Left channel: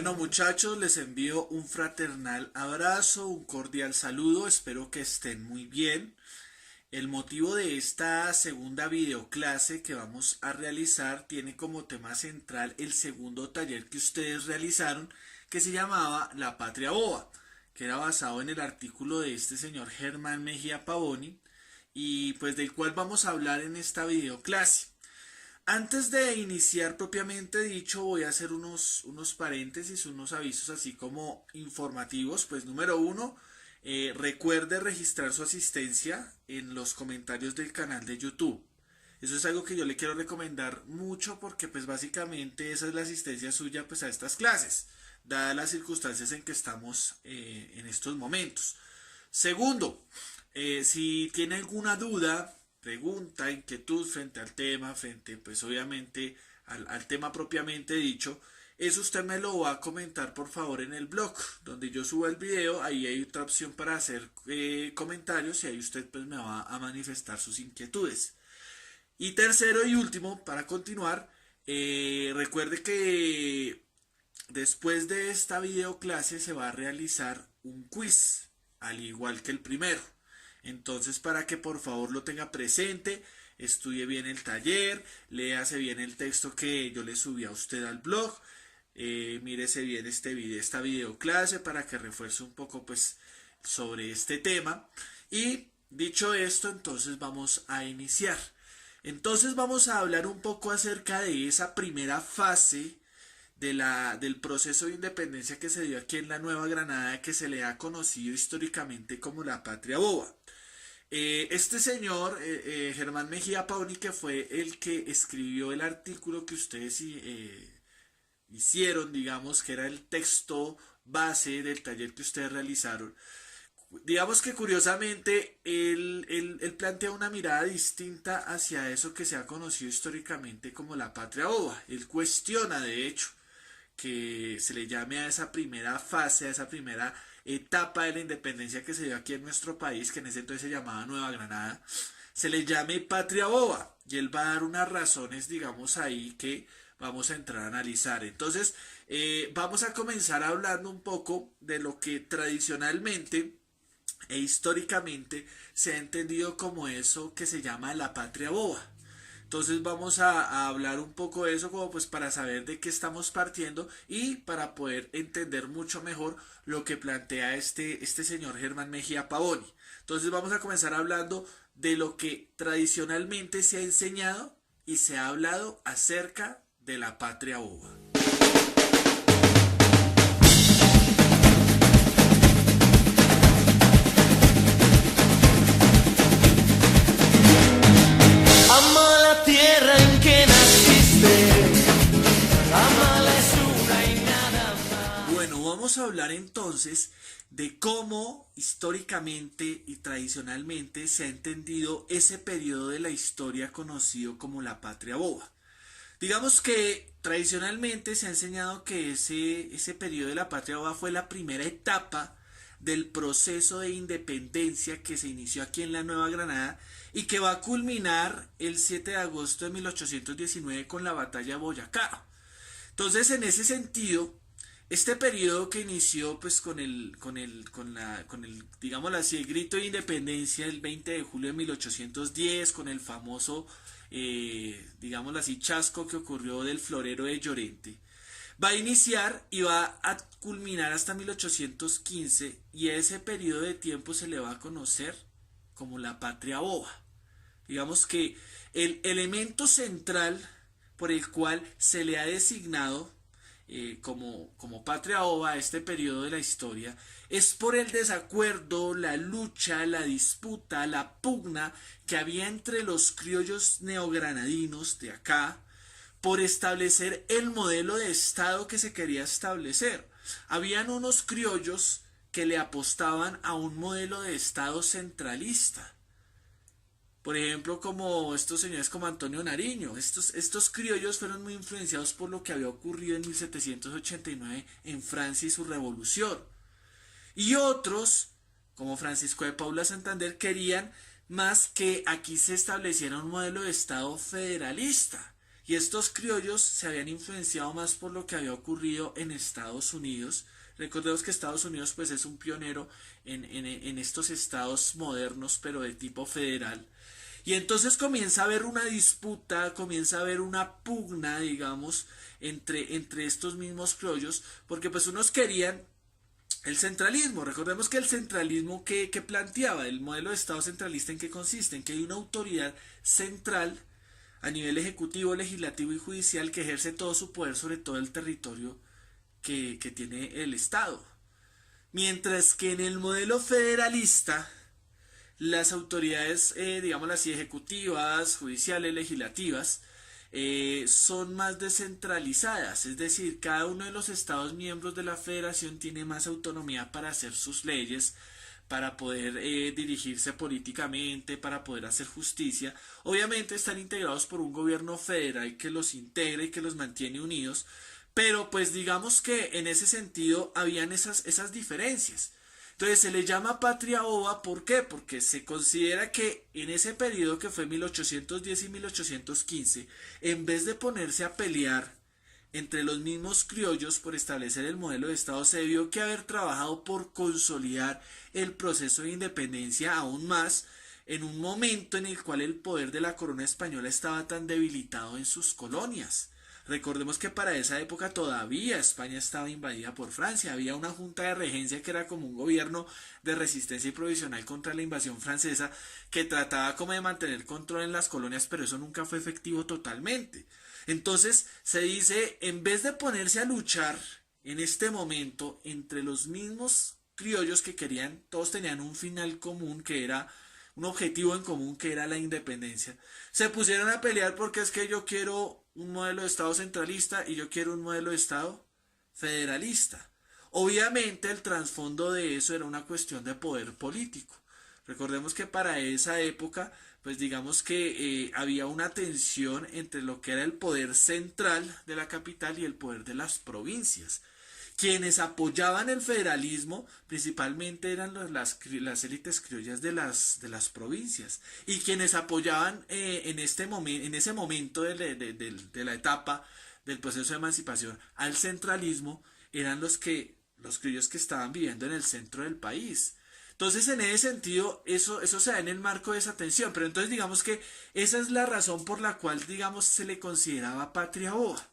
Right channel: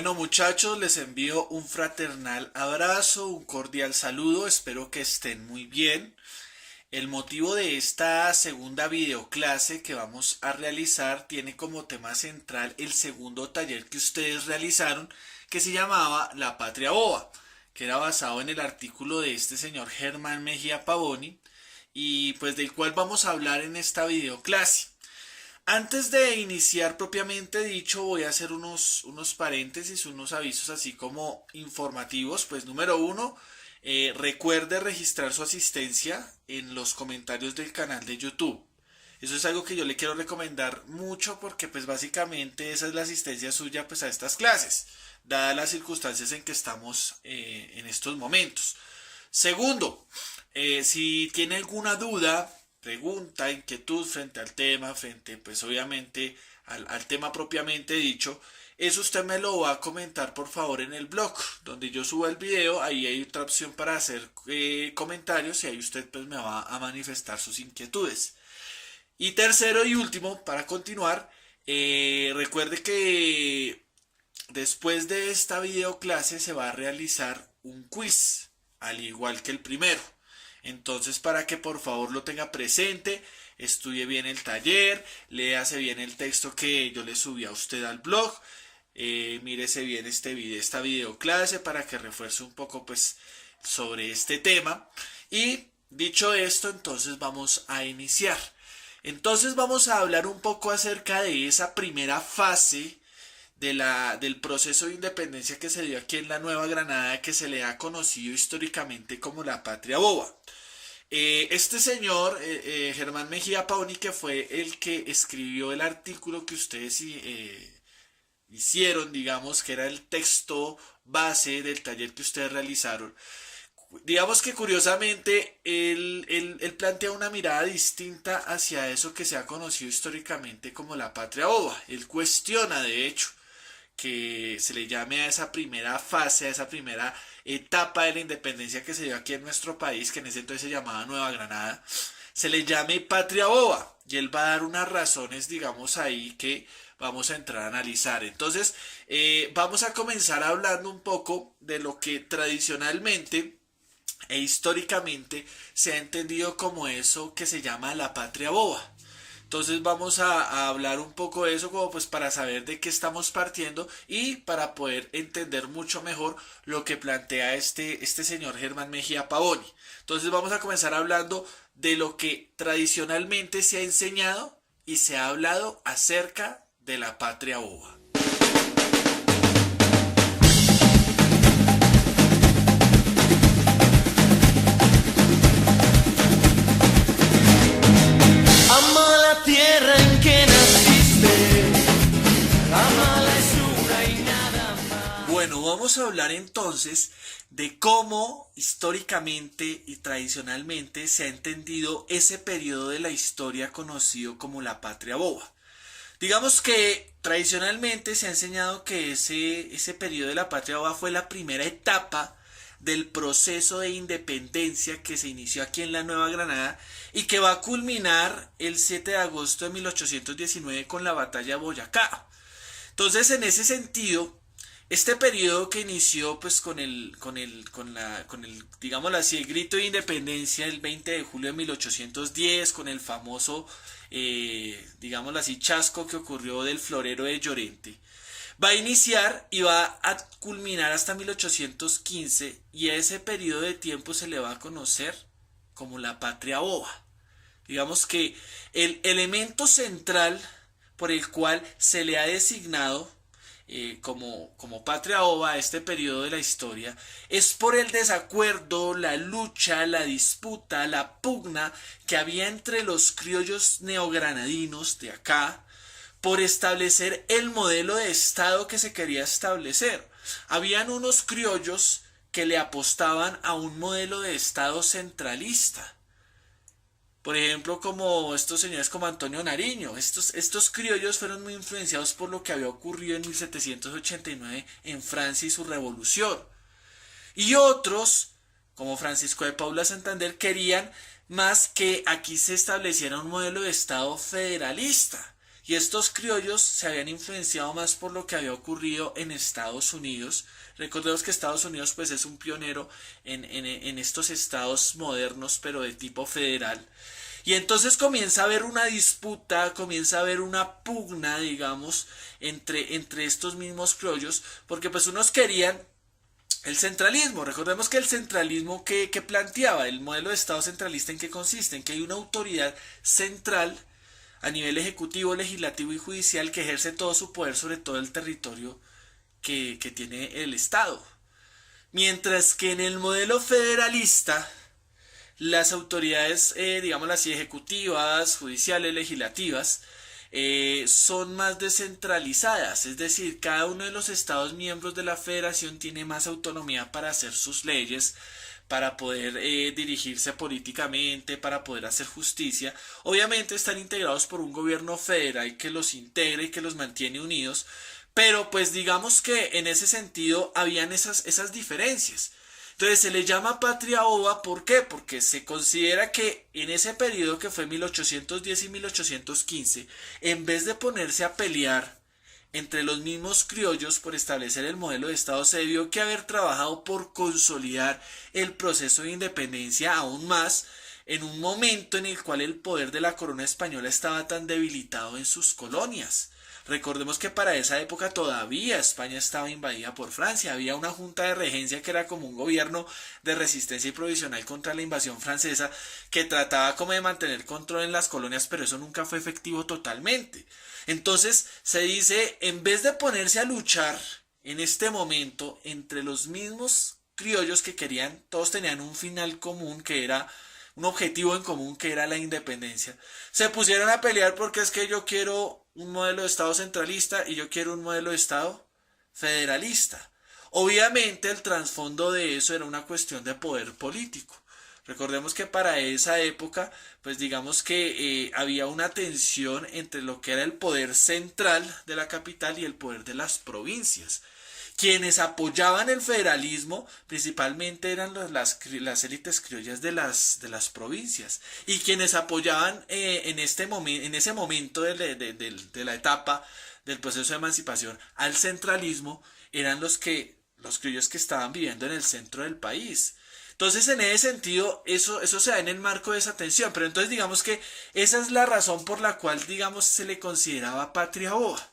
Bueno muchachos, les envío un fraternal abrazo, un cordial saludo, espero que estén muy bien. El motivo de esta segunda videoclase que vamos a realizar tiene como tema central el segundo taller que ustedes realizaron, que se llamaba La Patria Boba, que era basado en el artículo de este señor Germán Mejía Pavoni, y pues del cual vamos a hablar en esta videoclase. Antes de iniciar propiamente dicho, voy a hacer unos paréntesis, unos avisos así como informativos. Pues número uno, recuerde registrar su asistencia en los comentarios del canal de YouTube. Eso es algo que yo le quiero recomendar mucho porque pues básicamente esa es la asistencia suya pues a estas clases, dadas las circunstancias en que estamos en estos momentos. Segundo, si tiene alguna duda, pregunta, inquietud frente al tema, frente pues obviamente al tema propiamente dicho, eso usted me lo va a comentar por favor en el blog, donde yo subo el video, ahí hay otra opción para hacer comentarios y ahí usted pues me va a manifestar sus inquietudes. Y tercero y último, para continuar, recuerde que después de esta videoclase se va a realizar un quiz, al igual que el primero. Entonces, para que por favor lo tenga presente, estudie bien el taller, léase bien el texto que yo le subí a usted al blog, mírese bien esta videoclase para que refuerce un poco pues sobre este tema. Y dicho esto, entonces vamos a iniciar. Entonces vamos a hablar un poco acerca de esa primera fase del proceso de independencia que se dio aquí en la Nueva Granada, que se le ha conocido históricamente como la Patria Boba. Este señor, Germán Mejía Pauni, que fue el que escribió el artículo que ustedes hicieron, digamos, que era el texto base del taller que ustedes realizaron, digamos que curiosamente él plantea una mirada distinta hacia eso que se ha conocido históricamente como la Patria Boba. Él cuestiona, de hecho, que se le llame a esa primera fase, a esa primera etapa de la independencia que se dio aquí en nuestro país, que en ese entonces se llamaba Nueva Granada, se le llame Patria Boba. Y él va a dar unas razones, digamos, ahí que vamos a entrar a analizar. Entonces, vamos a comenzar hablando un poco de lo que tradicionalmente e históricamente se ha entendido como eso que se llama la patria boba. Entonces vamos a hablar un poco de eso como pues para saber de qué estamos partiendo y para poder entender mucho mejor lo que plantea este señor Germán Mejía Pavoni. Entonces vamos a comenzar hablando de lo que tradicionalmente se ha enseñado y se ha hablado acerca de la patria boba. Ama la tierra en que naciste, amala es una y nada más. Bueno, vamos a hablar entonces de cómo históricamente y tradicionalmente se ha entendido ese periodo de la historia conocido como la patria boba. Digamos que tradicionalmente se ha enseñado que ese periodo de la patria boba fue la primera etapa del proceso de independencia que se inició aquí en la Nueva Granada y que va a culminar el 7 de agosto de 1819 con la batalla de Boyacá. Entonces, en ese sentido, este periodo que inició pues con el digámoslo así, el grito de independencia el 20 de julio de 1810, con el famoso, digámoslo así, chasco que ocurrió del florero de Llorente, va a iniciar y va a culminar hasta 1815 y a ese periodo de tiempo se le va a conocer como la patria boba. Digamos que el elemento central por el cual se le ha designado como patria boba a este periodo de la historia es por el desacuerdo, la lucha, la disputa, la pugna que había entre los criollos neogranadinos de acá por establecer el modelo de Estado que se quería establecer. Habían unos criollos que le apostaban a un modelo de Estado centralista. Por ejemplo, como estos señores como Antonio Nariño. Estos criollos fueron muy influenciados por lo que había ocurrido en 1789 en Francia y su revolución. Y otros, como Francisco de Paula Santander, querían más que aquí se estableciera un modelo de Estado federalista. y estos criollos se habían influenciado más por lo que había ocurrido en Estados Unidos. Recordemos que Estados Unidos pues es un pionero en estos estados modernos pero de tipo federal. Y entonces comienza a haber una disputa, comienza a haber una pugna, digamos, entre estos mismos criollos, porque pues unos querían el centralismo. Recordemos que el centralismo que planteaba el modelo de Estado centralista, ¿en qué consiste? En que hay una autoridad central a nivel ejecutivo, legislativo y judicial que ejerce todo su poder sobre todo el territorio que tiene el Estado. Mientras que en el modelo federalista, las autoridades, digámoslo así, ejecutivas, judiciales, legislativas, son más descentralizadas, es decir, cada uno de los estados miembros de la federación tiene más autonomía para hacer sus leyes, para poder dirigirse políticamente, para poder hacer justicia. Obviamente están integrados por un gobierno federal que los integra y que los mantiene unidos, pero pues digamos que en ese sentido habían esas diferencias. Entonces se le llama patria ova, ¿por qué? Porque se considera que en ese periodo que fue 1810 y 1815, en vez de ponerse a pelear entre los mismos criollos por establecer el modelo de Estado, se debió que haber trabajado por consolidar el proceso de independencia aún más en un momento en el cual el poder de la corona española estaba tan debilitado en sus colonias. Recordemos que para esa época todavía España estaba invadida por Francia, había una junta de regencia que era como un gobierno de resistencia y provisional contra la invasión francesa que trataba como de mantener control en las colonias, pero eso nunca fue efectivo totalmente. Entonces se dice, en vez de ponerse a luchar en este momento entre los mismos criollos que querían, todos tenían un final común que era un objetivo en común que era la independencia, se pusieron a pelear porque es que yo quiero un modelo de Estado centralista y yo quiero un modelo de Estado federalista. Obviamente el trasfondo de eso era una cuestión de poder político. Recordemos que para esa época, pues digamos que había una tensión entre lo que era el poder central de la capital y el poder de las provincias. Quienes apoyaban el federalismo principalmente eran las élites criollas de las provincias, y quienes apoyaban en ese momento de la etapa del proceso de emancipación al centralismo eran los criollos que estaban viviendo en el centro del país. Entonces, en ese sentido, eso se da en el marco de esa tensión, pero entonces digamos que esa es la razón por la cual, digamos, se le consideraba patria boba,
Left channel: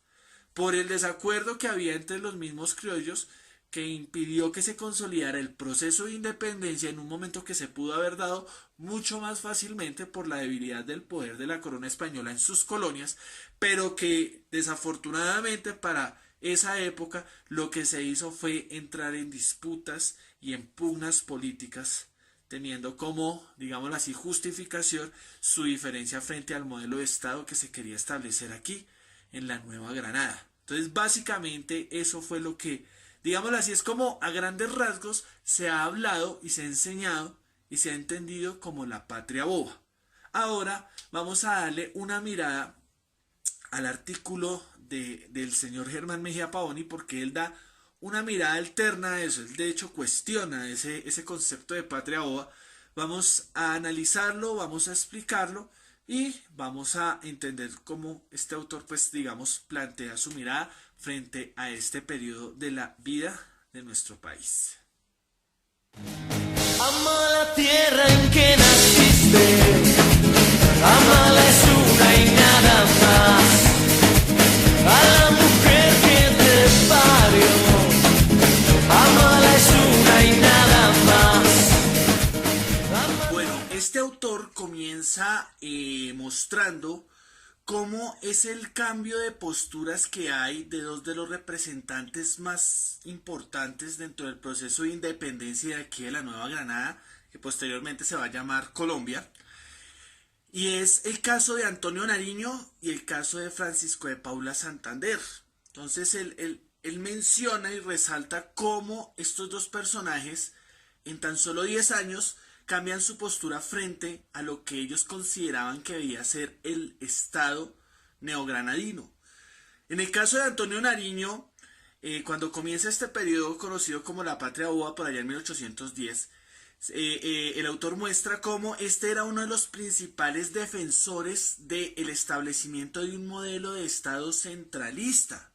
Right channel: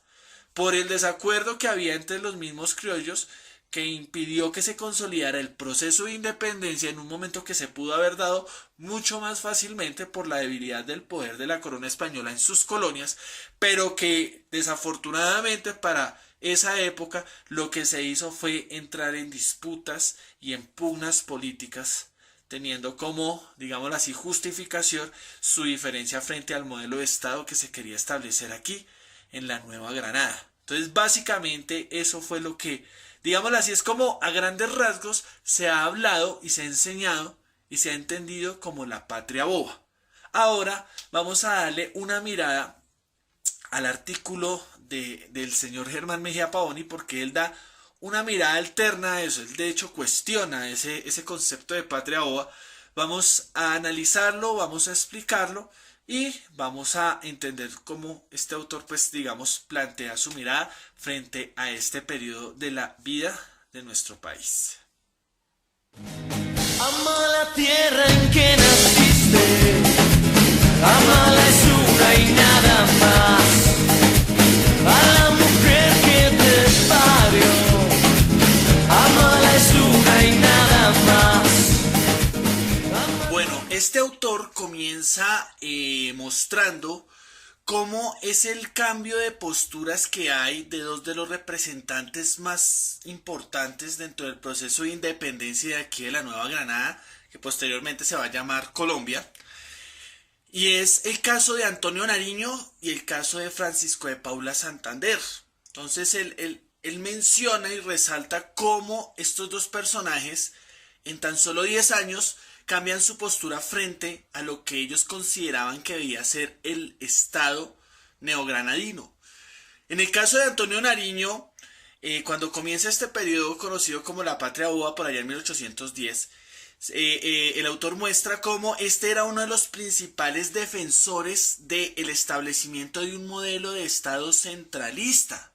por el desacuerdo que había entre los mismos criollos que impidió que se consolidara el proceso de independencia en un momento que se pudo haber dado mucho más fácilmente por la debilidad del poder de la corona española en sus colonias, pero que desafortunadamente para esa época lo que se hizo fue entrar en disputas y en pugnas políticas, teniendo como, digámoslo así, justificación su diferencia frente al modelo de Estado que se quería establecer aquí en la Nueva Granada. Entonces básicamente eso fue lo que, digámoslo así, es como a grandes rasgos se ha hablado y se ha enseñado y se ha entendido como la patria boba. Ahora vamos a darle una mirada al artículo del señor Germán Mejía Pavoni, porque él da una mirada alterna a eso. Él de hecho cuestiona ese concepto de patria boba. Vamos a analizarlo, vamos a explicarlo y vamos a entender cómo este autor, pues digamos, plantea su mirada frente a este periodo de la vida de nuestro país. Ama la tierra en que naciste, amala es una y nada más. A la mujer que te parió, amala es una y nada más. Bueno, este autor comienza mostrando cómo es el cambio de posturas que hay de dos de los representantes más importantes dentro del proceso de independencia de aquí de la Nueva Granada, que posteriormente se va a llamar Colombia, y es el caso de Antonio Nariño y el caso de Francisco de Paula Santander. Entonces él menciona y resalta cómo estos dos personajes en tan solo 10 años cambian su postura frente a lo que ellos consideraban que debía ser el Estado neogranadino. En el caso de Antonio Nariño, cuando comienza este periodo conocido como la Patria Boba por allá en 1810, el autor muestra cómo este era uno de los principales defensores del establecimiento de un modelo de Estado centralista.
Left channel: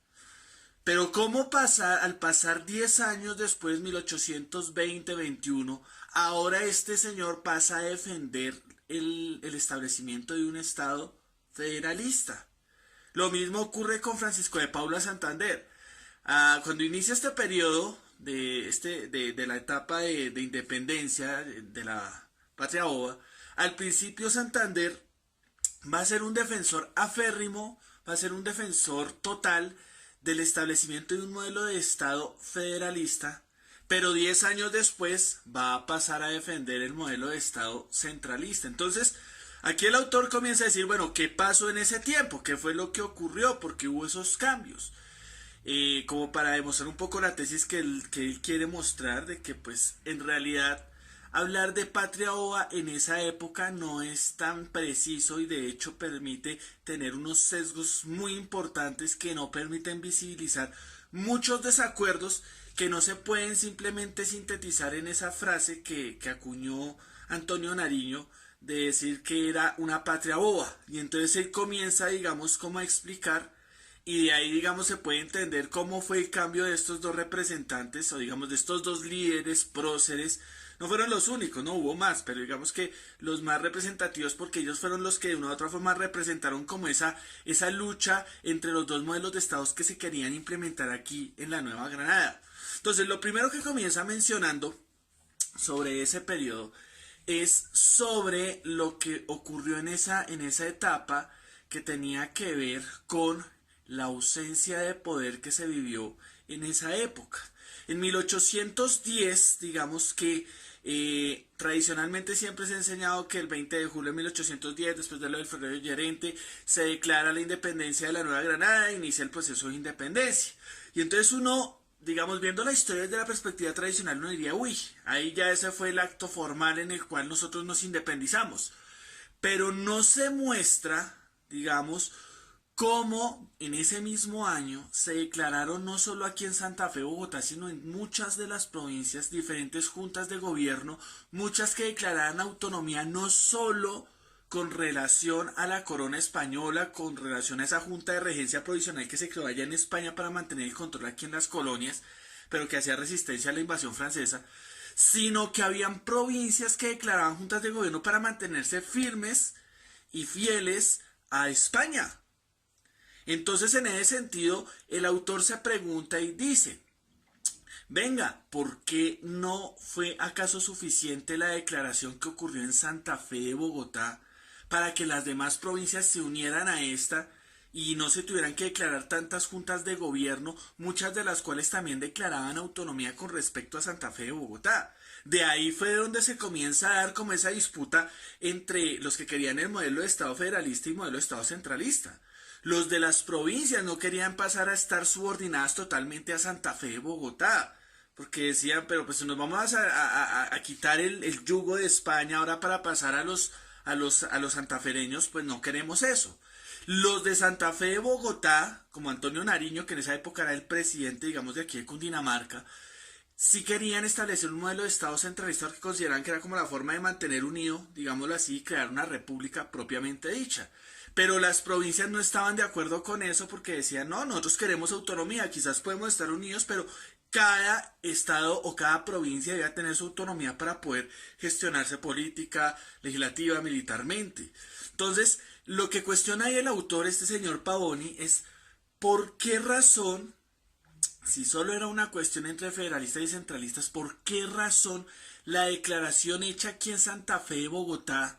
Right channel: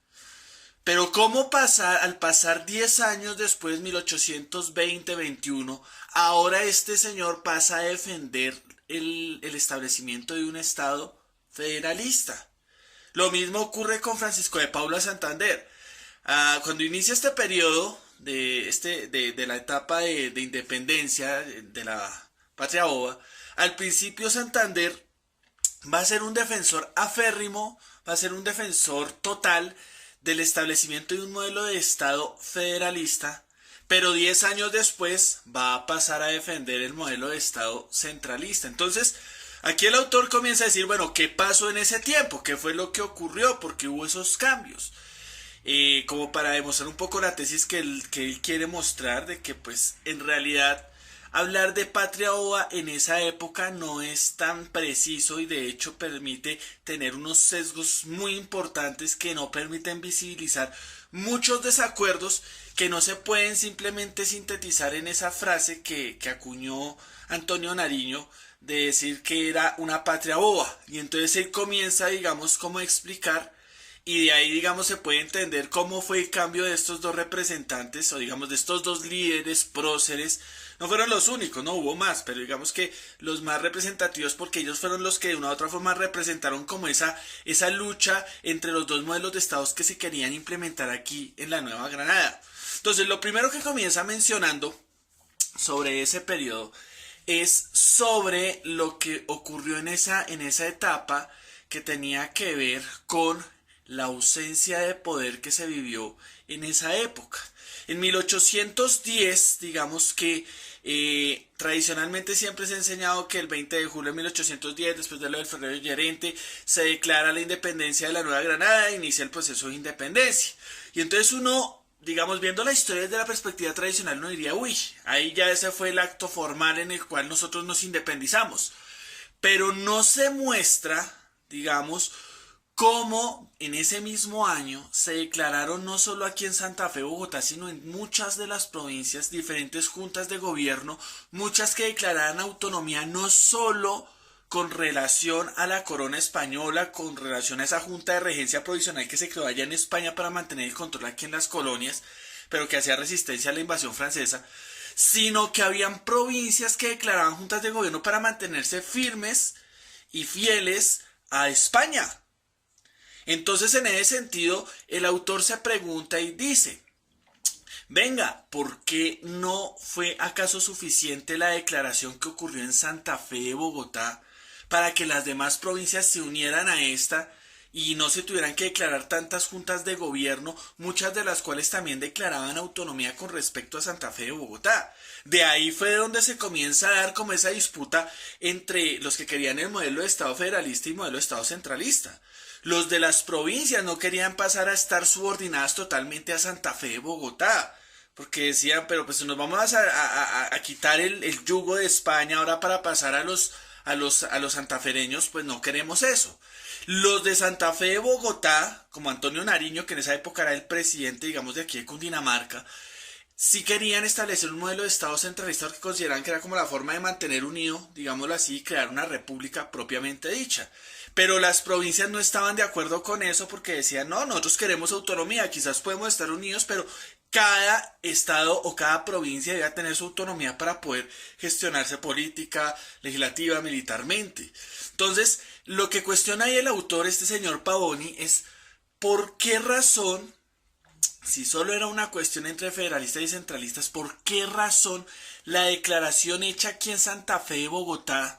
Pero cómo al pasar 10 años después, 1820-21, ahora este señor pasa a defender el establecimiento de un Estado federalista. Lo mismo ocurre con Francisco de Paula Santander. Cuando inicia este periodo de la etapa de independencia de la patria boba, al principio Santander va a ser un defensor aférrimo, va a ser un defensor total del establecimiento de un modelo de Estado federalista, pero 10 años después va a pasar a defender el modelo de Estado centralista. Entonces, aquí el autor comienza a decir, bueno, ¿qué pasó en ese tiempo? ¿Qué fue lo que ocurrió? ¿Por qué hubo esos cambios? Como para demostrar un poco la tesis que él quiere mostrar de que pues en realidad hablar de patria ova en esa época no es tan preciso y de hecho permite tener unos sesgos muy importantes que no permiten visibilizar muchos desacuerdos que no se pueden simplemente sintetizar en esa frase que acuñó Antonio Nariño de decir que era una patria boba. Y entonces él comienza, digamos, como a explicar y de ahí, digamos, se puede entender cómo fue el cambio de estos dos representantes o, digamos, de estos dos líderes próceres. No fueron los únicos, no hubo más, pero digamos que los más representativos porque ellos fueron los que de una u otra forma representaron como esa lucha entre los dos modelos de estados que se querían implementar aquí en la Nueva Granada. Entonces, lo primero que comienza mencionando sobre ese periodo es sobre lo que ocurrió en esa etapa que tenía que ver con la ausencia de poder que se vivió en esa época. En 1810, digamos que tradicionalmente siempre se ha enseñado que el 20 de julio de 1810, después de lo del Ferrero Llorente, se declara la independencia de la Nueva Granada e inicia el proceso de independencia. Y entonces uno, digamos, viendo la historia desde la perspectiva tradicional, uno diría, uy, ahí ya ese fue el acto formal en el cual nosotros nos independizamos. Pero no se muestra, digamos, cómo en ese mismo año se declararon no solo aquí en Santa Fe, Bogotá, sino en muchas de las provincias, diferentes juntas de gobierno, muchas que declararan autonomía no solo con relación a la corona española, con relación a esa junta de regencia provisional que se creó allá en España para mantener el control aquí en las colonias, pero que hacía resistencia a la invasión francesa, sino que habían provincias que declaraban juntas de gobierno para mantenerse firmes y fieles a España. Entonces, en ese sentido, el autor se pregunta y dice, venga, ¿por qué no fue acaso suficiente la declaración que ocurrió en Santa Fe de Bogotá para que las demás provincias se unieran a esta y no se tuvieran que declarar tantas juntas de gobierno, muchas de las cuales también declaraban autonomía con respecto a Santa Fe de Bogotá? De ahí fue donde se comienza a dar como esa disputa entre los que querían el modelo de Estado federalista y modelo de Estado centralista. Los de las provincias no querían pasar a estar subordinadas totalmente a Santa Fe de Bogotá, porque decían, pero pues nos vamos a quitar el yugo de España ahora para pasar a los santafereños, pues no queremos eso. Los de Santa Fe de Bogotá, como Antonio Nariño, que en esa época era el presidente, digamos, de aquí de Cundinamarca, sí querían establecer un modelo de Estado centralista que consideraban que era como la forma de mantener unido, digámoslo así, y crear una república propiamente dicha. Pero las provincias no estaban de acuerdo con eso porque decían, no, nosotros queremos autonomía, quizás podemos estar unidos, pero cada estado o cada provincia debe tener su autonomía para poder gestionarse política, legislativa, militarmente. Entonces, lo que cuestiona ahí el autor, este señor Pavoni, es por qué razón, si solo era una cuestión entre federalistas y centralistas, por qué razón la declaración hecha aquí en Santa Fe de Bogotá,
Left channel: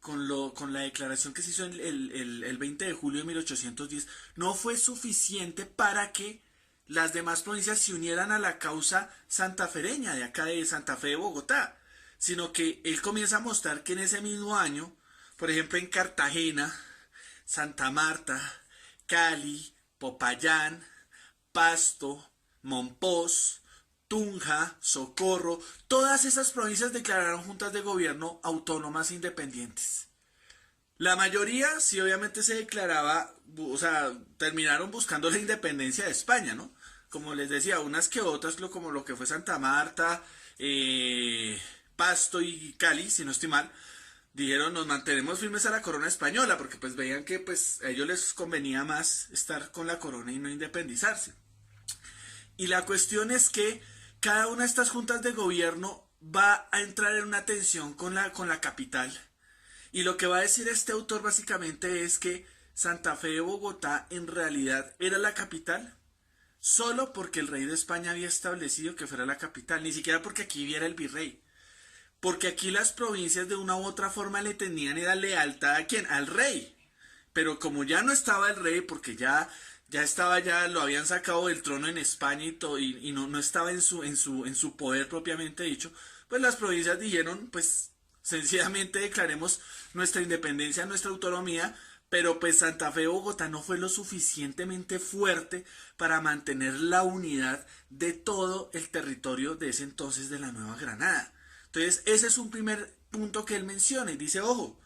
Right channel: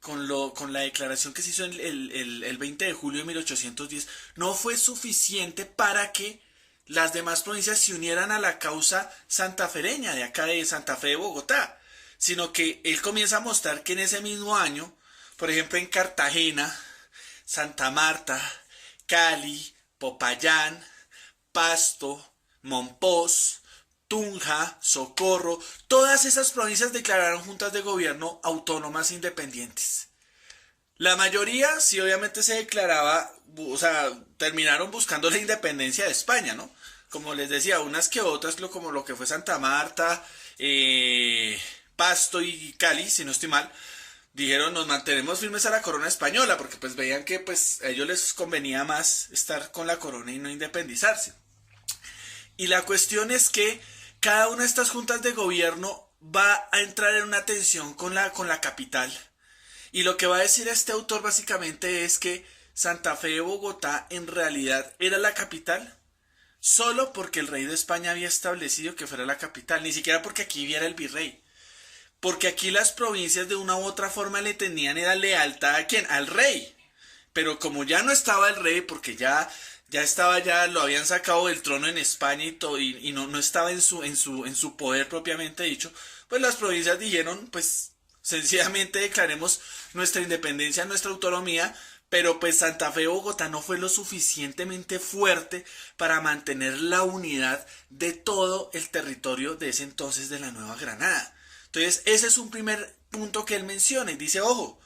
con la declaración que se hizo el 20 de julio de 1810, no fue suficiente para que las demás provincias se unieran a la causa santafereña de acá de Santa Fe de Bogotá, sino que él comienza a mostrar que en ese mismo año, por ejemplo en Cartagena, Santa Marta, Cali, Popayán, Pasto, Monpós, Tunja, Socorro, todas esas provincias declararon juntas de gobierno autónomas independientes. La mayoría sí obviamente se declaraba, o sea, terminaron buscando la independencia de España, ¿no? Como les decía, unas que otras, como lo que fue Santa Marta, Pasto y Cali, si no estoy mal, dijeron nos mantenemos firmes a la corona española, porque pues veían que pues a ellos les convenía más estar con la corona y no independizarse. Y la cuestión es que cada una de estas juntas de gobierno va a entrar en una tensión con la capital. Y lo que va a decir este autor básicamente es que Santa Fe de Bogotá en realidad era la capital solo porque el rey de España había establecido que fuera la capital, ni siquiera porque aquí viera el virrey. Porque aquí las provincias de una u otra forma le tenían era lealtad ¿a quién? Al rey. Pero como ya no estaba el rey, porque ya estaba, ya lo habían sacado del trono en España y, todo, y no estaba en su poder propiamente dicho, pues las provincias dijeron, pues sencillamente declaremos nuestra independencia, nuestra autonomía, pero pues Santa Fe de Bogotá no fue lo suficientemente fuerte para mantener la unidad de todo el territorio de ese entonces de la Nueva Granada. Entonces ese es un primer punto que él menciona y dice, ojo,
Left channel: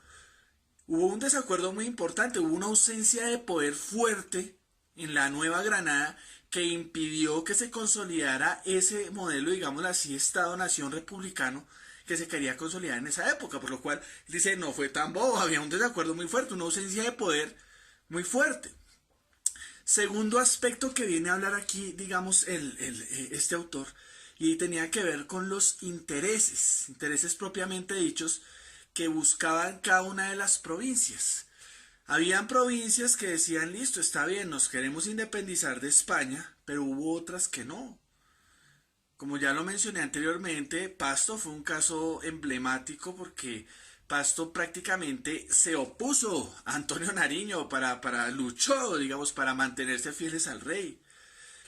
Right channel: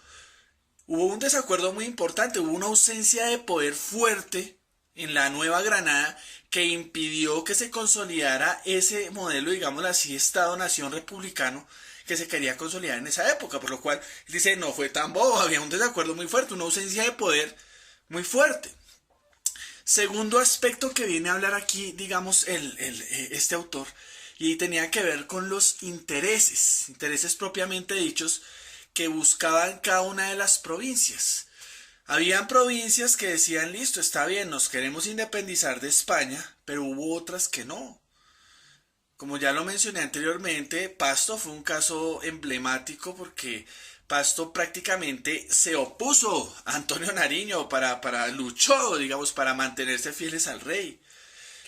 hubo un desacuerdo muy importante, hubo una ausencia de poder fuerte en la Nueva Granada que impidió que se consolidara ese modelo, digámoslo así, Estado-Nación republicano que se quería consolidar en esa época, por lo cual él dice, no fue tan bobo, había un desacuerdo muy fuerte, una ausencia de poder muy fuerte. Segundo aspecto que viene a hablar aquí, digamos, este autor, y tenía que ver con los intereses propiamente dichos que buscaban cada una de las provincias. Habían provincias que decían, listo, está bien, nos queremos independizar de España, pero hubo otras que no. Como ya lo mencioné anteriormente, Pasto fue un caso emblemático porque Pasto prácticamente se opuso a Antonio Nariño luchó, digamos, para mantenerse fieles al rey.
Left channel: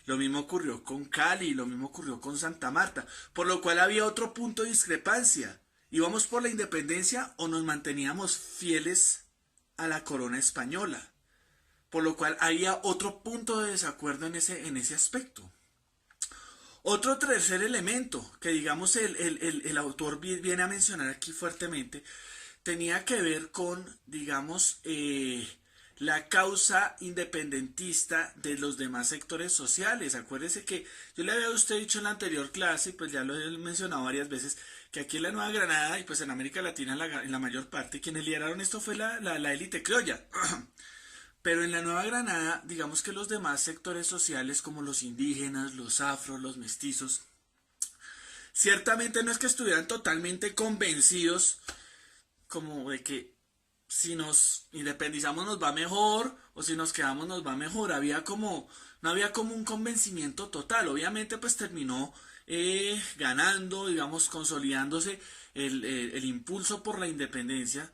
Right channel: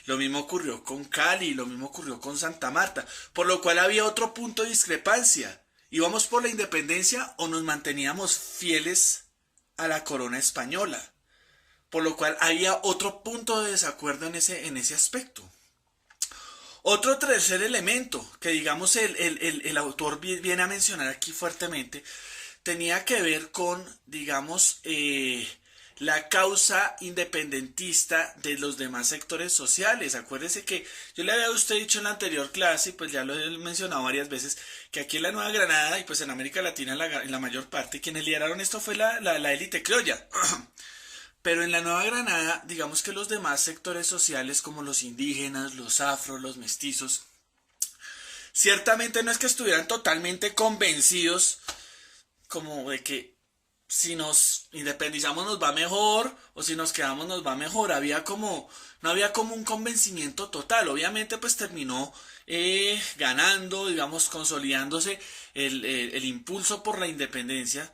Lo mismo ocurrió con Cali, lo mismo ocurrió con Santa Marta, por lo cual había otro punto de discrepancia. ¿Íbamos por la independencia o nos manteníamos fieles a la corona española? Por lo cual había otro punto de desacuerdo en ese aspecto. Otro tercer elemento que digamos el autor viene a mencionar aquí fuertemente tenía que ver con, digamos, la causa independentista de los demás sectores sociales. Acuérdese que yo le había a usted dicho en la anterior clase, y pues ya lo he mencionado varias veces, que aquí en la Nueva Granada y pues en América Latina en la mayor parte, quienes lideraron esto fue la élite criolla. Pero en la Nueva Granada, digamos que los demás sectores sociales como los indígenas, los afros, los mestizos, ciertamente no es que estuvieran totalmente convencidos como de que si nos independizamos nos va mejor o si nos quedamos nos va mejor. No había como un convencimiento total. Obviamente pues terminó ganando, digamos, consolidándose el impulso por la independencia,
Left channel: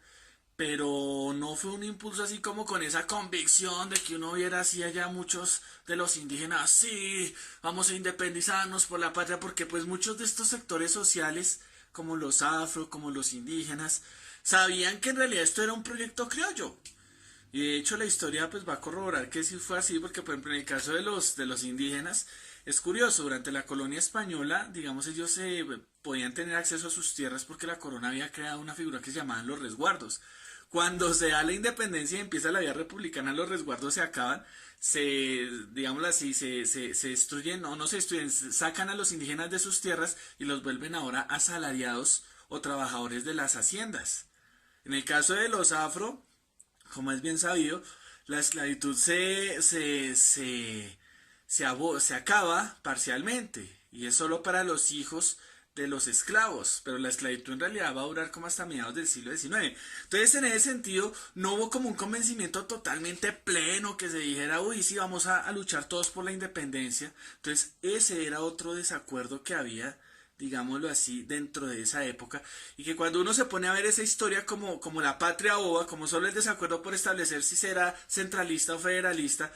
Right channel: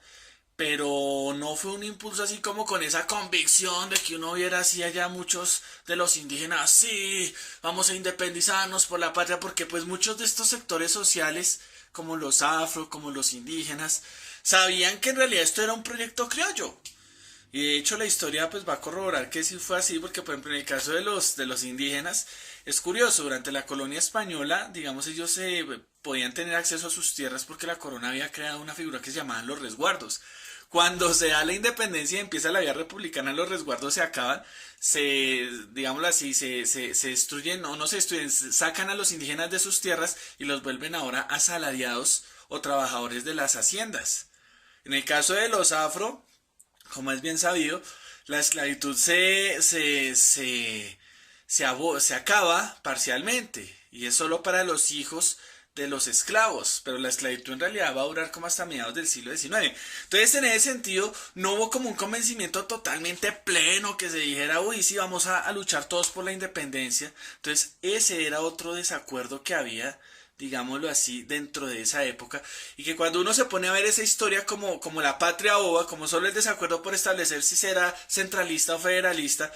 pero no fue un impulso así como con esa convicción de que uno viera así allá muchos de los indígenas, sí, vamos a independizarnos por la patria, porque pues muchos de estos sectores sociales, como los afro, como los indígenas, sabían que en realidad esto era un proyecto criollo. Y de hecho la historia pues va a corroborar que sí fue así, porque por ejemplo en el caso de los indígenas es curioso, durante la colonia española, digamos, ellos podían tener acceso a sus tierras porque la corona había creado una figura que se llamaban los resguardos. Cuando se da la independencia y empieza la vida republicana, los resguardos se acaban, digámoslo así, se destruyen, o no se destruyen, sacan a los indígenas de sus tierras y los vuelven ahora asalariados o trabajadores de las haciendas. En el caso de los afro, como es bien sabido, la esclavitud se acaba parcialmente y es solo para los hijos de los esclavos, pero la esclavitud en realidad va a durar como hasta mediados del siglo XIX. Entonces en ese sentido no hubo como un convencimiento totalmente pleno que se dijera, uy, sí, vamos a luchar todos por la independencia. Entonces ese era otro desacuerdo que había, digámoslo así, dentro de esa época, y que cuando uno se pone a ver esa historia como la patria boba, como solo el desacuerdo por establecer si será centralista o federalista,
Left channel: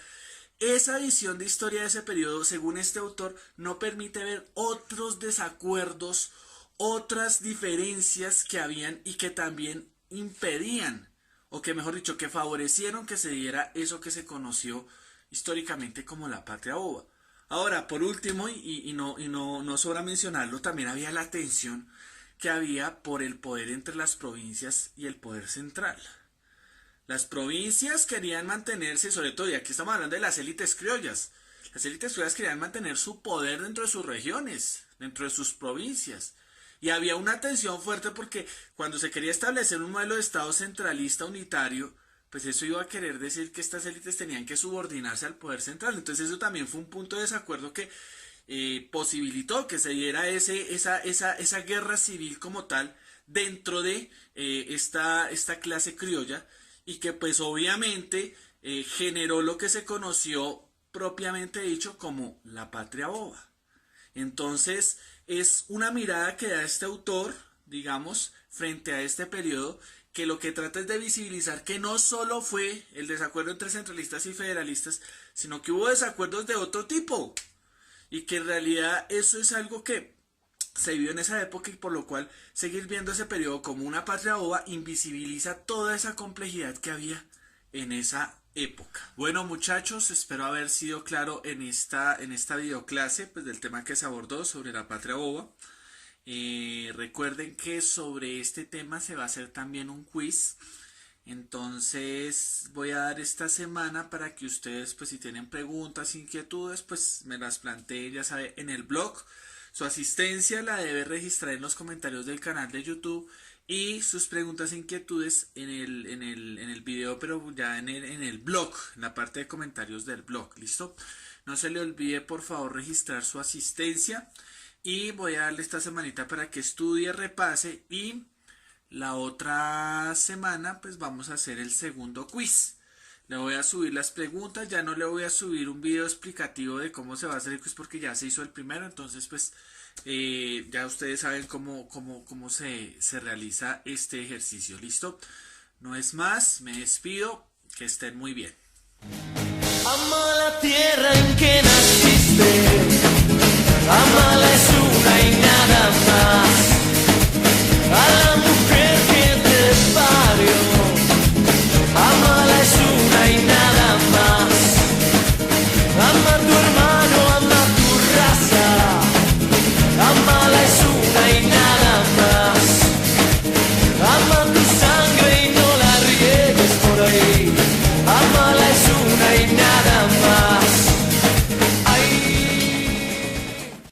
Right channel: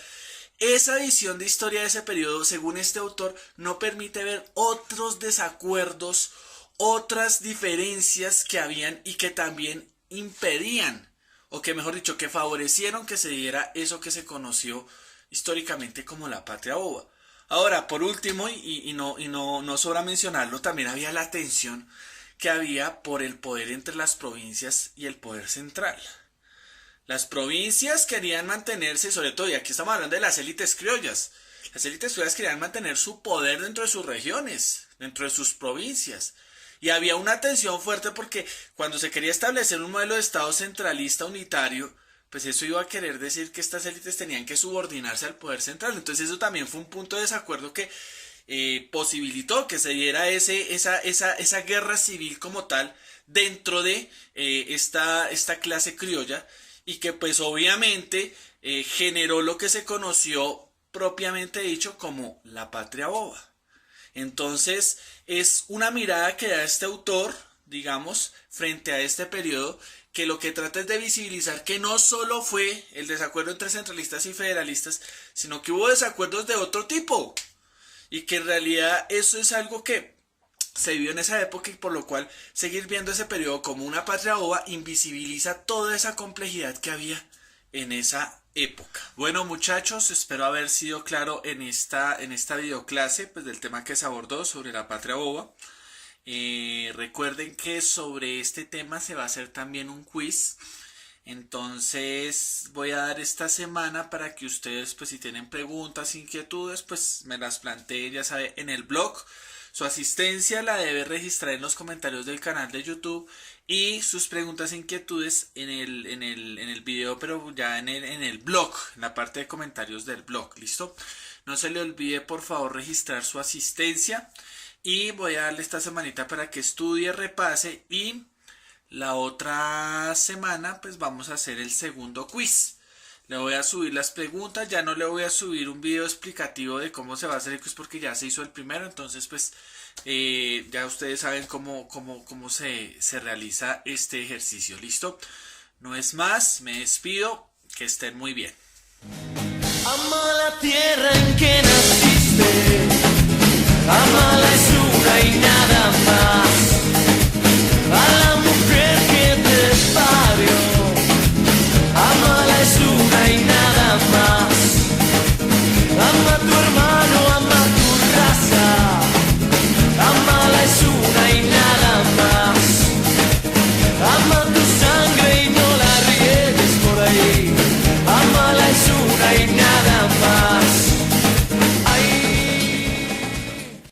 esa visión de historia de ese periodo, según este autor, no permite ver otros desacuerdos, otras diferencias que habían y que también impedían, o que mejor dicho, que favorecieron que se diera eso que se conoció históricamente como la patria boba. Ahora, por último, y no sobra mencionarlo, también había la tensión que había por el poder entre las provincias y el poder central. Las provincias querían mantenerse, sobre todo, y aquí estamos hablando de las élites criollas. Las élites criollas querían mantener su poder dentro de sus regiones, dentro de sus provincias. Y había una tensión fuerte porque cuando se quería establecer un modelo de Estado centralista unitario, pues eso iba a querer decir que estas élites tenían que subordinarse al poder central. Entonces eso también fue un punto de desacuerdo que posibilitó que se diera esa guerra civil como tal dentro de esta clase criolla y que pues obviamente generó lo que se conoció propiamente dicho como la patria boba. Entonces es una mirada que da este autor, digamos, frente a este periodo, que lo que trata es de visibilizar que no solo fue el desacuerdo entre centralistas y federalistas, sino que hubo desacuerdos de otro tipo. Y que en realidad eso es algo que se vivió en esa época y por lo cual seguir viendo ese periodo como una patria boba invisibiliza toda esa complejidad que había en esa época. Bueno muchachos, espero haber sido claro en esta videoclase pues, del tema que se abordó sobre la patria boba. Recuerden que sobre este tema se va a hacer también un quiz. Entonces voy a dar esta semana para que ustedes pues si tienen preguntas, inquietudes pues me las planteen ya saben en el blog. Su asistencia la debe registrar en los comentarios del canal de YouTube y sus preguntas e inquietudes en el video pero ya en el blog, en la parte de comentarios del blog, ¿listo? No se le olvide por favor registrar su asistencia y voy a darle esta semanita para que estudie, repase y la otra semana pues vamos a hacer el segundo quiz. Le voy a subir las preguntas, ya no le voy a subir un video explicativo de cómo se va a hacer el quiz porque ya se hizo el primero, entonces pues ya ustedes saben cómo se realiza este ejercicio, ¿listo? No es más, me despido, que estén muy bien. Ama la tierra en que naciste, amala es una